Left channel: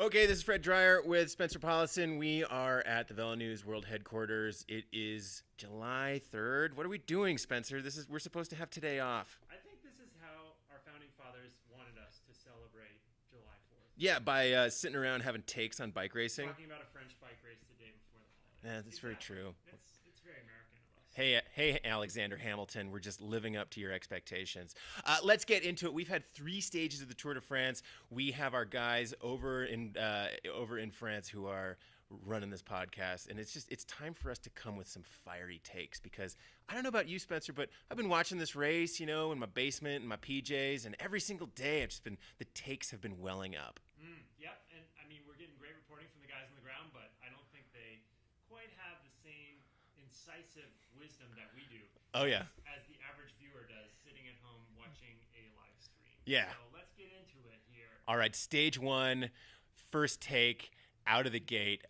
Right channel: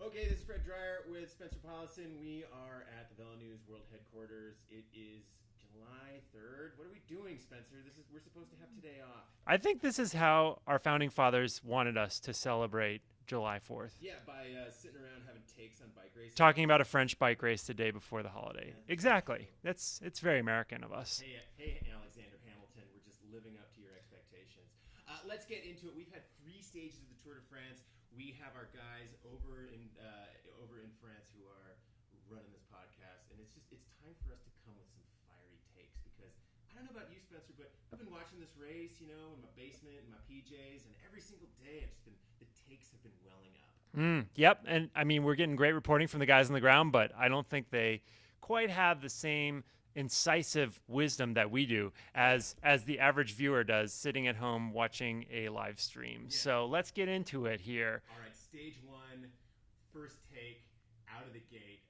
Okay, this is Fred Dreyer with Spencer Paulison. We are at the Velo News World Headquarters. It is July 3rd. What are we doing, Spencer? We're supposed to have today off. I think this is how our founding fathers wanted us to celebrate July 4th. Yeah, by sitting around having takes on bike racing. Talking about a French bike race the day before the holiday. Yeah, that's exactly. very true. It's very American of us. Hey, Alexander Hamilton, we're just living up to your expectations. Let's get into it. We've had 3 stages of the Tour de France. We have our guys over in France who are running this podcast, and it's time for us to come with some fiery takes, because I don't know about you, Spencer, but I've been watching this race, in my basement in my PJs, and every single day the takes have been welling up. Yep, and I mean, we're getting great reporting from the guys on the ground, but I don't think they quite have the same incisive wisdom that we do as the average viewer does sitting at home watching a live stream. Yeah. So let's get into it here. All right, stage 1, first take. Out of the gate.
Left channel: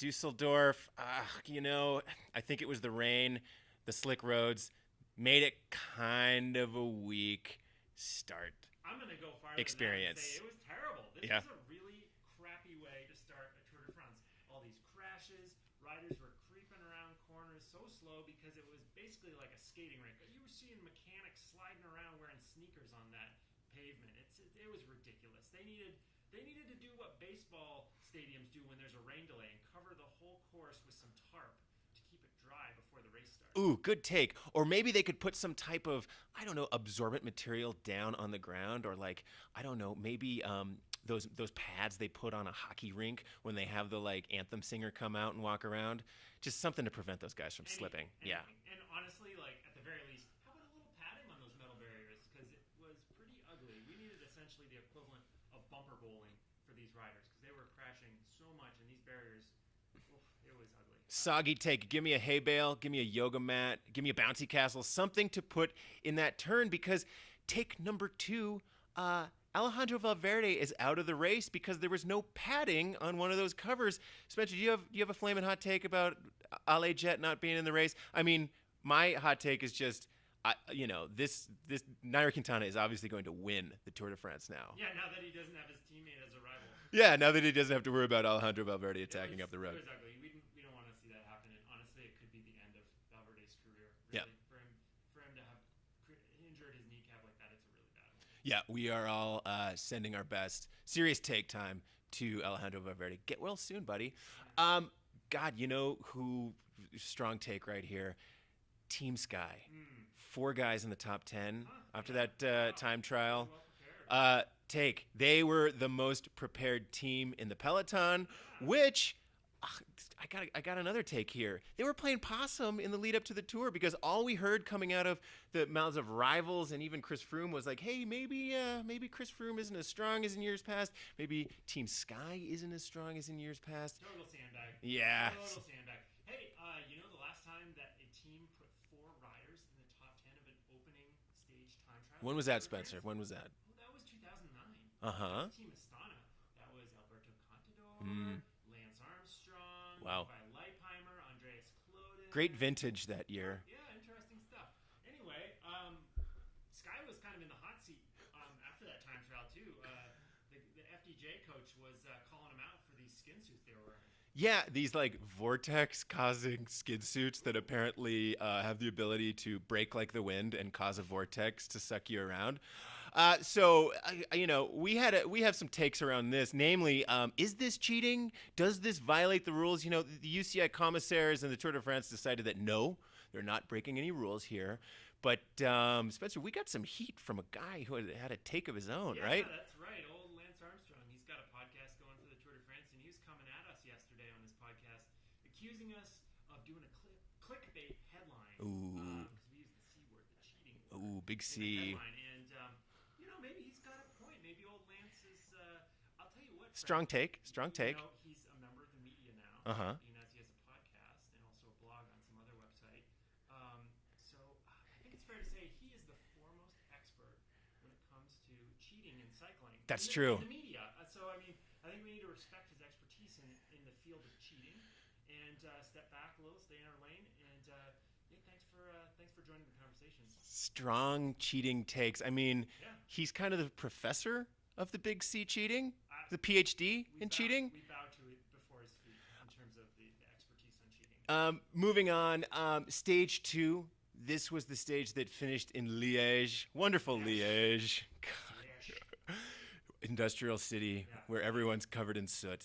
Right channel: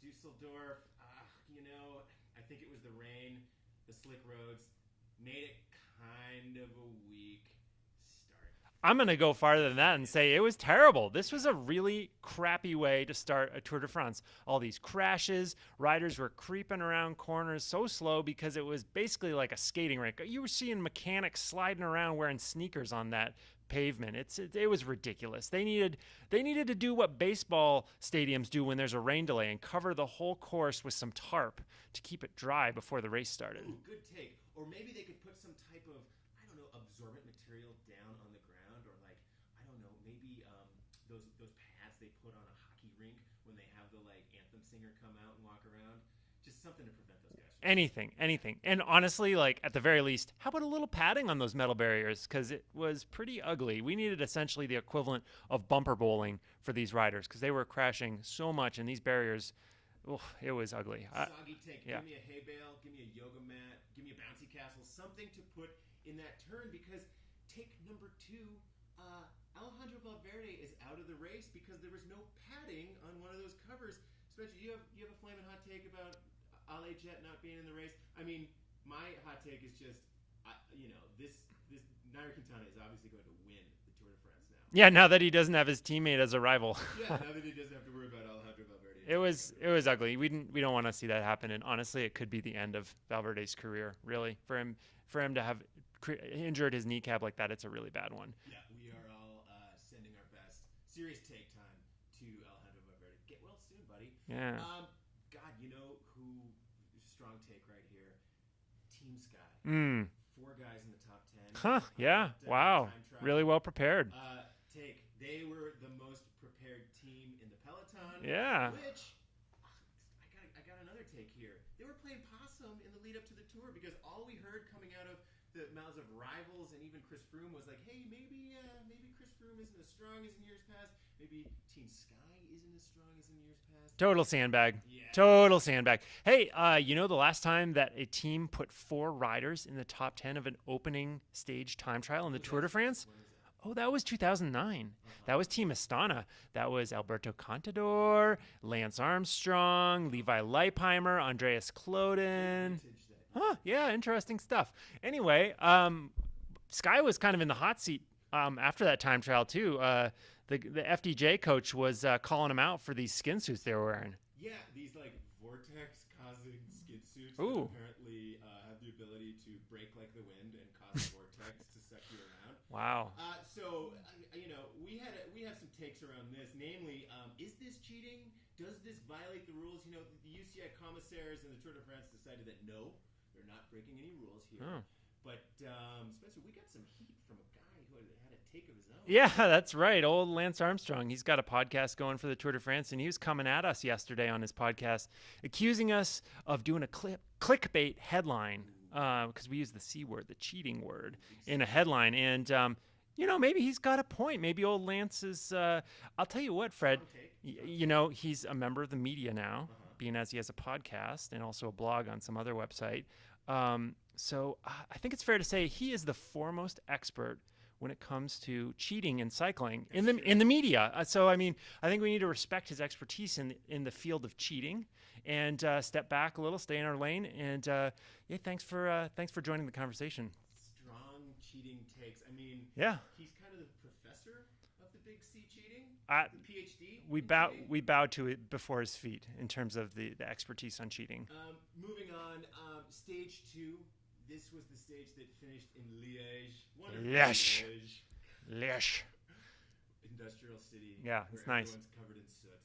Dusseldorf, I think it was the rain, the slick roads, made it kind of a weak start. I'm going to go farther than that and say it was terrible. This was a really crappy way to start a Tour de France. All these crashes, riders were creeping around corners so slow because it was basically like a skating rink. You were seeing mechanics sliding around wearing sneakers on that pavement. It was ridiculous. They needed to do what baseball stadiums do when there's a rain delay and cover the whole course with some tarp to keep it dry before the race started. Ooh, good take. Or maybe they could put some type of, absorbent material down on the ground, or maybe those pads they put on a hockey rink when they have the anthem singer come out and walk around. Just something to prevent those guys from anything. Yeah. And honestly, at the very least, how about a little padding on those metal barriers? Because it was pretty ugly. We needed essentially the equivalent of bumper bowling for these riders, because they were crashing so much, and these barriers, it was ugly. Soggy take. Yeah. Give me a hay bale. Give me a yoga mat. Give me a bouncy castle. Something to put in that turn, because take number 2, Alejandro Valverde is out of the race because there was no padding on one of those covers. Spencer, do you have a flaming hot take about Ale Jet not being in the race? I mean, my hot take is just, this Nairo Quintana is obviously going to win the Tour de France now. Yeah, now that he doesn't have his teammate as a rival. Yeah, now that he doesn't have to worry about Alejandro Valverde attacking up the road. It was ugly. We don't want to see that happen, and honestly, it could be the end of Valverde's career. Really, yeah. For him to have injured his kneecap like that, it's a really bad one. Yeah, we are all sending our best. Serious take time to Alejandro Valverde. Get well soon, buddy. Yeah. God, who strong take right here. Team Sky. 4 guys in the top 10. Yeah. That, wow. Time trial. Really well prepared. They were the most prepared team in the peloton. Yeah. Which I got another take here. They were playing possum in the lead up to the Tour, because all we heard coming out of the mouths of rivals and even Chris Froome was like, hey, maybe Chris Froome isn't as strong as in years past. Maybe Team Sky isn't as strong as in years past. Total sandbag. Yeah. Total sandbag. Hey, the last time that a team put 4 riders in the top 10 of an opening stage time trial in the Tour de France? When was that? Oh, that was 2009. Uh-huh. That was Team Astana. That was Alberto Contador, Lance Armstrong, Levi Leipheimer, Andreas Kloden. Great vintage that year. Yeah, interesting stuff. Anyway, Sky was kind of in the hot seat after that time trial too. The FDJ coach was calling him out for these skin suits they were wearing. Yeah, these vortex causing skin suits that apparently have the ability to break like the wind and cause a vortex to suck you around. Wow. So we have some takes around this. Namely, is this cheating? Does this violate the rules? The UCI commissaires and the Tour de France decided that no, they're not breaking any rules here. Oh. But, Spencer, we got some heat from a guy who had a take of his own. Yeah, right? That's right. Old Lance Armstrong. He's got a podcast going for the Tour de France, and he was coming at us yesterday on his podcast, accusing us of doing a clickbait headline, because we use the C word, the cheating word, in a headline. And, maybe he's got a point. Maybe old Lance is, I'll tell you what, Fred. Strong take. He's a member of the media now, being as he has a podcast and also a blog on some other website. So I think it's fair to say he is the foremost expert when it comes to cheating in cycling. That's true. In the media. So, I think we need to respect his expertise in the field of cheating and step back a little, stay in our lane. And, thanks for joining the conversation. Strong cheating takes. He's kind of the professor of the Big C cheating? The PhD in cheating? We bowed to it before his feet in terms of the expertise on cheating. Moving on, stage 2. This was the stage that finished in Liège. Wonderful Liège. Liège. Industrial city where nice. Everyone's covered in soot.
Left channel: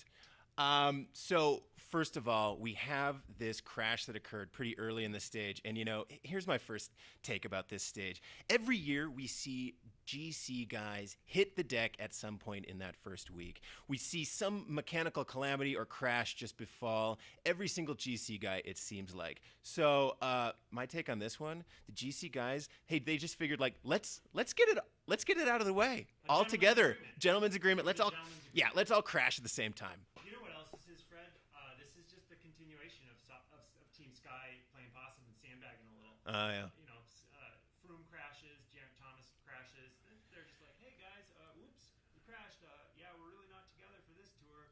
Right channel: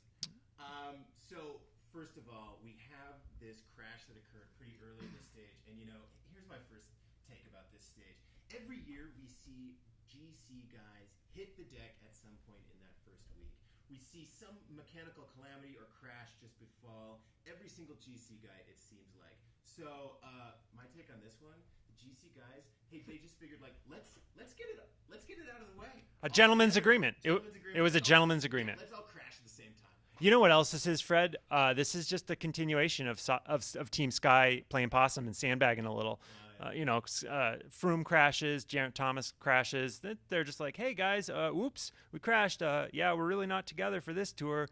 So first of all, we have this crash that occurred pretty early in the stage. And, here's my first take about this stage. Every year we see GC guys hit the deck at some point in that first week. We see some mechanical calamity or crash just befall every single GC guy, it seems like. So my take on this one, the GC guys, hey, they just figured let's get it out of the way. A gentleman's agreement. Gentleman's agreement. It was a gentleman's agreement. Yeah, let's all crash at the same time. You know what else this is, Fred? This is just a continuation of Team Sky playing possum and sandbagging a little. Froome crashes, Geraint Thomas crashes. They're just like, hey guys, whoops, we crashed. We're really not together for this tour.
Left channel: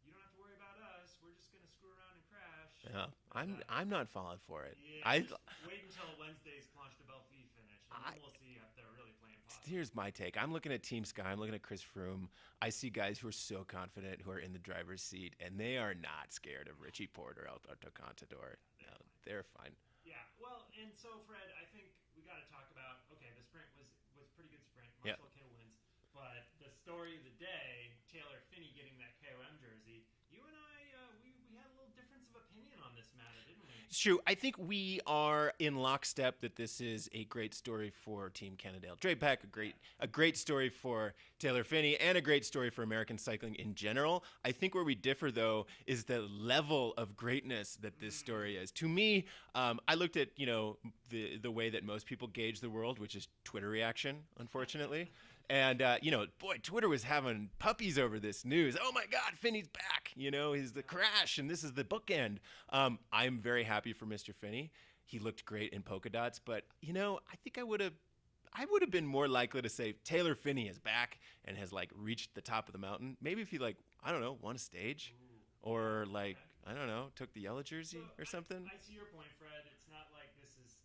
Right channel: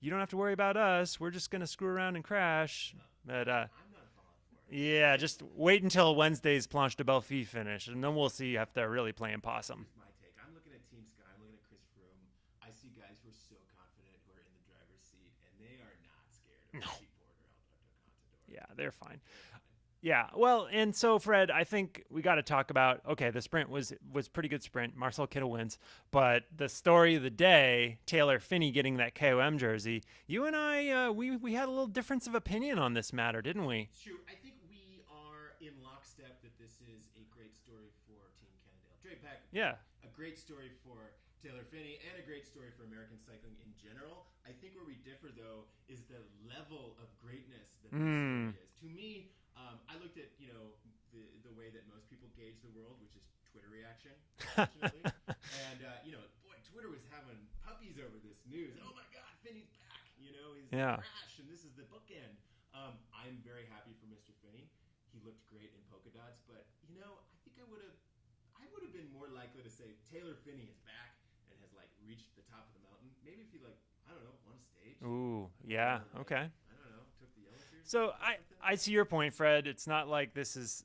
You don't have to worry about us. We're just going to screw around and crash. Yeah. But, I'm not falling for it. Yeah, just wait until Wednesday's Planche de Belfi finish, and then we'll see if they're really playing possum. Here's my take. I'm looking at Team Sky. I'm looking at Chris Froome. I see guys who are so confident, who are in the driver's seat, and they are not scared of Richie Porte or Alberto Contador. Yeah, they're fine. They're fine. Yeah, well, and so, Fred, I think we got to talk about, the sprint was pretty good sprint. Marcel Kittel wins. But the story of the day, Taylor Phinney getting that KOM jersey, you and I, we had a little difference of opinion on this matter, didn't we? It's true. I think we are in lockstep that this is a great story for Team Cannondale. Dre Pack, a great story for Taylor Phinney, and a great story for American cycling in general. I think where we differ, though, is the level of greatness that this story is. To me, I looked at, the way that most people gauge the world, which is Twitter reaction, unfortunately. And, Twitter was having puppies over this news. Oh, my God, Finney's back. He's the crash, and this is the bookend. I'm very happy for Mr. Phinney. He looked great in polka dots, but, I think I would have been more likely to say Taylor Phinney is back and has reached the top of the mountain. Maybe if he won a stage. Ooh, or okay. I don't know, took the yellow jersey or something. I see your point, Fred. It's not like this is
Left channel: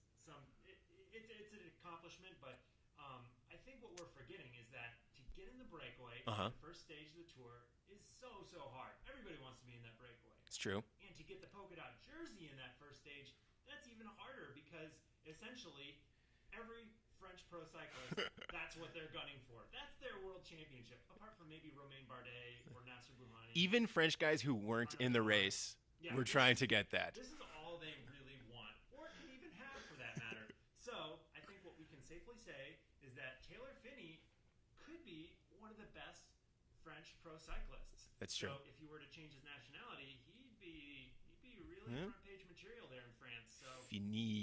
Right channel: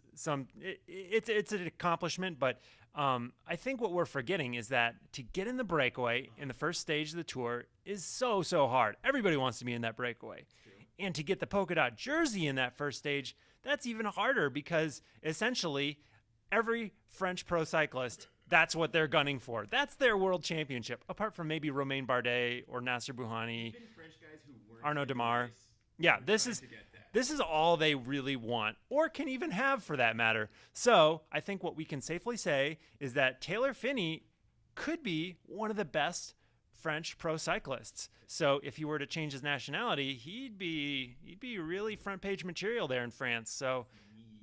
it's an accomplishment, but I think what we're forgetting is that to get in the breakaway in the first stage of the tour is so hard. Everybody wants to be in that breakaway. It's true. And to get the polka dot jersey in that first stage, that's even harder because essentially every French pro cyclist, that's what they're gunning for. That's their world championship, apart from maybe Romain Bardet or Nasser Bouhanni. Even French guys who weren't Arnaud in Démare. the race were trying to get that. This is all they really want, or can even have for that matter. So I think what we can safely say is that Taylor Phinney could be one of the best French pro cyclists. So if he were to change his nationality, he'd be really front page material there in France. So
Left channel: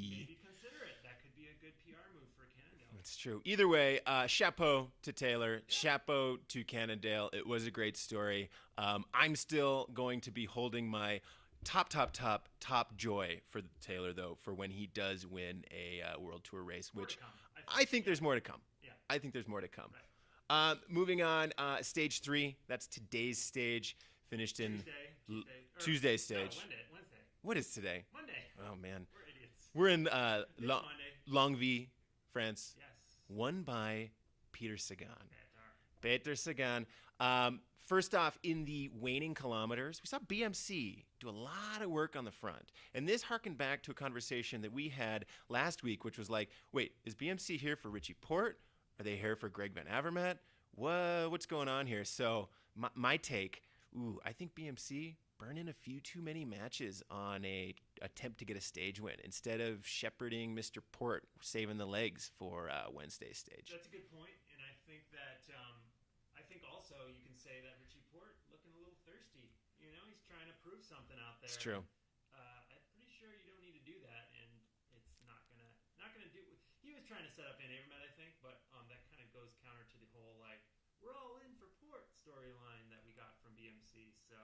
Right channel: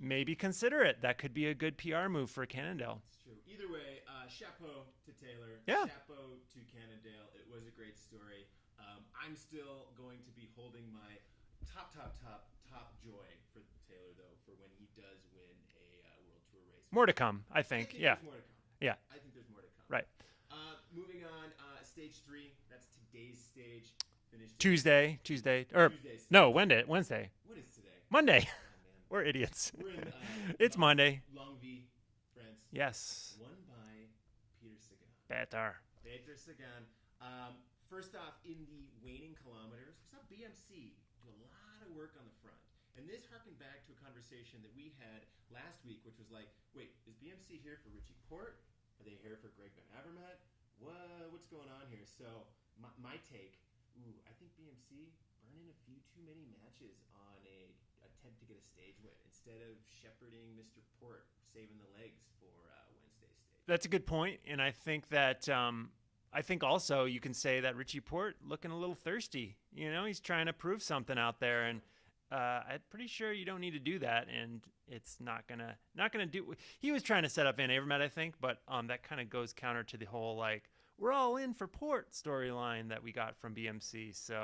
maybe consider it. That could be a good PR move for Cannondale. It's true. Either way, chapeau to Taylor, chapeau to Cannondale. It was a great story. I'm still going to be holding my top joy for Taylor, though, for when he does win a World Tour race. More to come, I think. I think there's more to come. Yeah. I think there's more to come. Right. Moving on, stage 3. That's today's stage. Finished Tuesday. Tuesday stage. No, Wednesday. What is today? Monday. Oh man, we're idiots. We're in. It's Monday. Longwy, France. Yes. Won by Peter Sagan. Peter Sagan. First off, in the waning kilometers, we saw BMC do a lot of work on the front. And this harkened back to a conversation that we had last week, which was like, wait, is BMC here for Richie Porte? Are they here for Greg Van Avermaet? What's going on here? So my take, I think BMC burn in a few too many matches on a attempt to get a stage win instead of shepherding Mr. Porte, saving the legs for Wednesday's stage. That's a good point, and I think that I think also you can say that Richie Porte looking a little thirsty. He's trying to prove something out there, and I'm pretty sure you don't need to do that, and it's not gonna do. He was trying to set up Van Avermaet, I think, but that kind of goes counter to the whole we're all in for Porte storyline that we got from BMC. So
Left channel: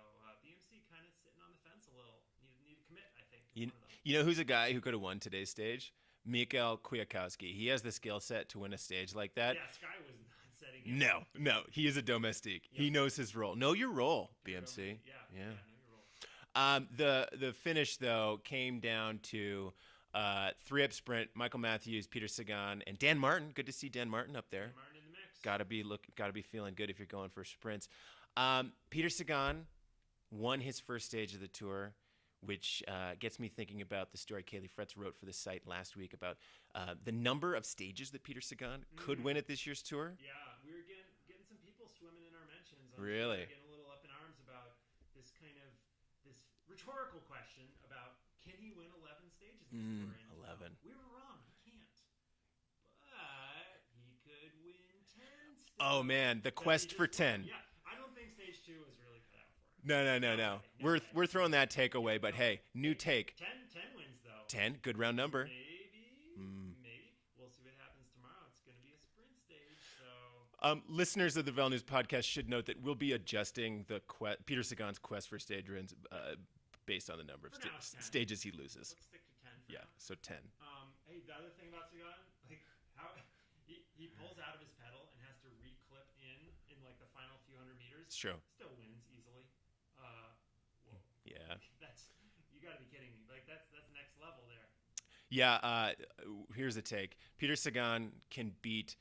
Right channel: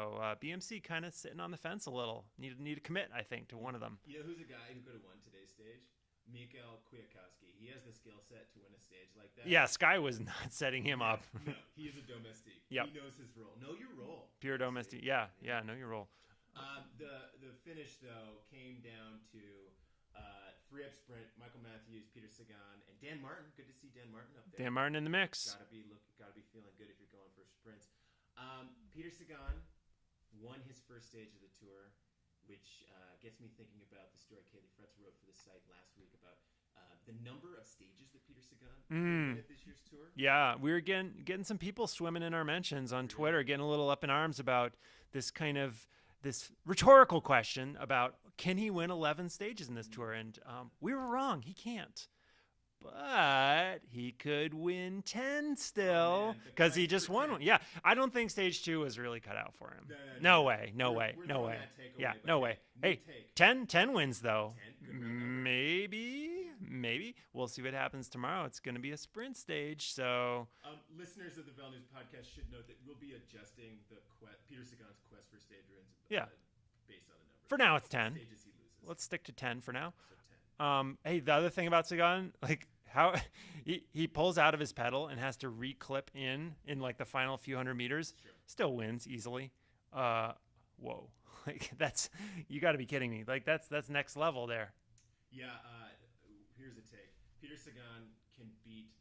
BMC kind of sitting on the fence a little. Need to commit, I think, to one of them. You know who's a guy who could have won today's stage? Mikael Kwiatkowski. He has the skill set to win a stage like that. Yeah, Sky was not setting him up. No, he is a domestique. Yep. He knows his role. Know your role. Pure BMC. domestique. Yeah, know your role. The finish, though, came down to 3-up sprint, Michael Matthews, Peter Sagan, and Dan Martin. Good to see Dan Martin up there. Dan Martin in the mix. Got to be feeling good if you're going for sprints. Peter Sagan won his first stage of the Tour, which gets me thinking about the story Kaylee Fretz wrote for the site last week about the number of stages that Peter Sagan could win at this year's Tour. Yeah, we were getting some people swimming in our mentions on Twitter, getting a little up in arms about this rhetorical question about, can he win 11 stages in this Tour? And we were wrong. He can't. But he could win 10 still. Oh, man, the quest he just for won 10. One. Yeah, I don't think stage 2 was really cut out for him. No way. We're throwing that take away, but new take. 10 wins, though. 10, good round number. Maybe. We'll see what happens tomorrow. It's going to be a sprint stage, so... Listeners of the Vel News podcast should note that we'll be adjusting the Peter Sagan's quest for stage wins based on the number. For now, it's 10 stages he loses. Let's stick to 10 for now. So 10. Hey, the other thing about Sagan, like how he pulls out of his pedal and has to reclip in like the final few hundred meters. Sure. Still wins easily. Whoa. Yeah. Like you got to be kidding me. Like that's next level there. Yeah. Here's a take. Peter Sagan can beat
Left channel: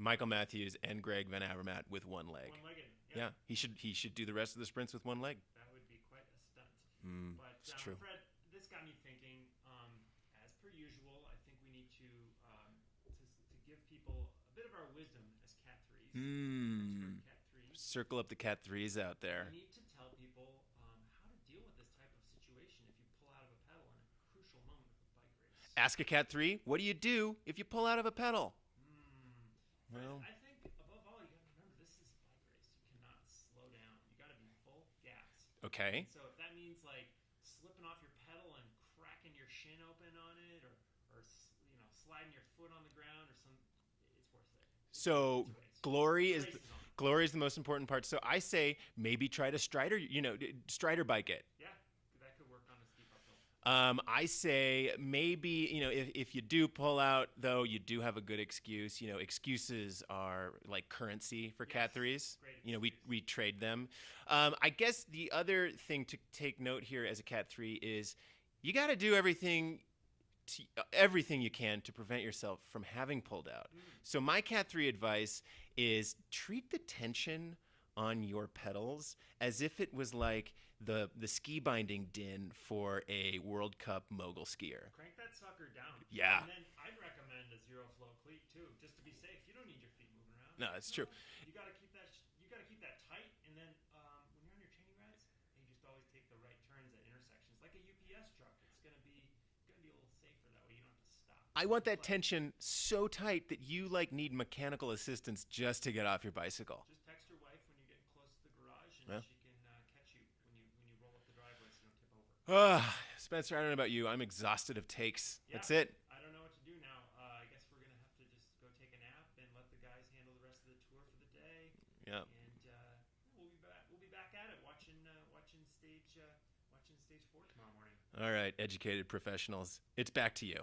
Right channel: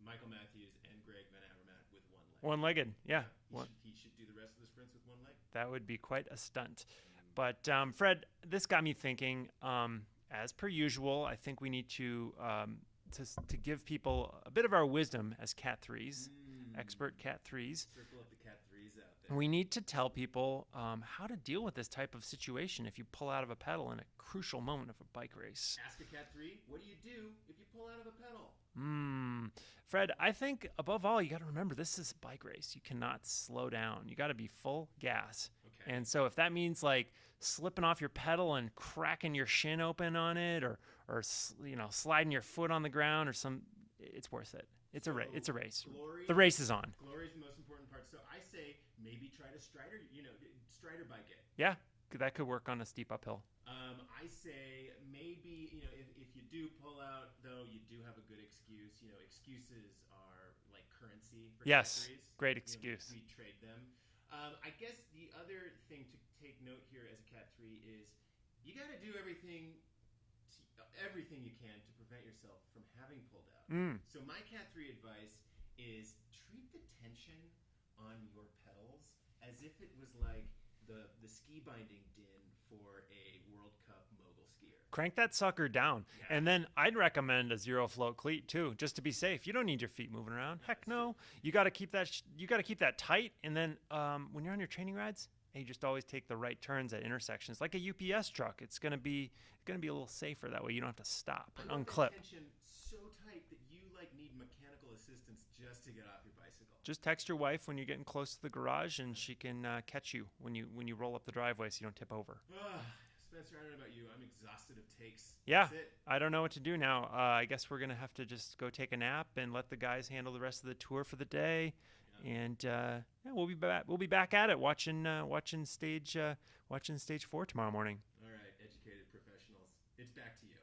Michael Matthews and Greg Van Avermaet with one leg. One-legged, yeah. He should do the rest of the sprints with one leg. That would be quite a stunt. But Fred, this got me thinking. As per usual, I think we need to give people a bit of our wisdom as Cat 3s, expert Cat 3s. Circle up the Cat 3s out there. We need to tell people how to deal with this type of situation if you pull out of a pedal in a crucial moment of a bike race. Ask a Cat 3, what do you do if you pull out of a pedal? Fred, I think above all, you got to remember this is a bike race. You cannot slow down. You got to be full gas. Okay. And so if that means like slipping off your pedal and cracking your shin open on it, or sliding your foot on the ground, it's worth it. It's a race. The race is on. Glory is the most important part. So I say maybe try to Strider bike it. Yeah. That could work on a steep uphill. I say maybe, if you do pull out, though, you do have a good excuse. Excuses are like currency for Cat 3s. Great excuse. We trade them. I guess the other thing to take note here as a Cat 3 is you got to do everything you can to prevent yourself from having pulled out. So my Cat 3 advice is treat the tension on your pedals as if it was like the ski binding din for a World Cup mogul skier. Crank that sucker down. Yeah. And then I'd recommend a zero float cleat too, just to be safe. You don't need your feet moving around. No, that's true. You got to keep that tight. And then when you're on your training rides, you just always take the right turns at intersections, like a UPS truck. It's gonna be a little safer that way. You don't have to stop. I want that tension so tight that you need mechanical assistance just to get off your bicycle. Just text your wife when you're getting close to the garage, and she can catch you when you roll up the driveway so you don't tip over. Spencer, I don't know about you. I'm exhausted of takes. Yeah, that's it. I don't know what to do now. I guess we're gonna have to just go take a nap and let the guys handle the rest of the tour for the day. Yeah. And we'll be back. We'll be back at it, watching stage 4 tomorrow morning. All right, educated professionals. It's back to you.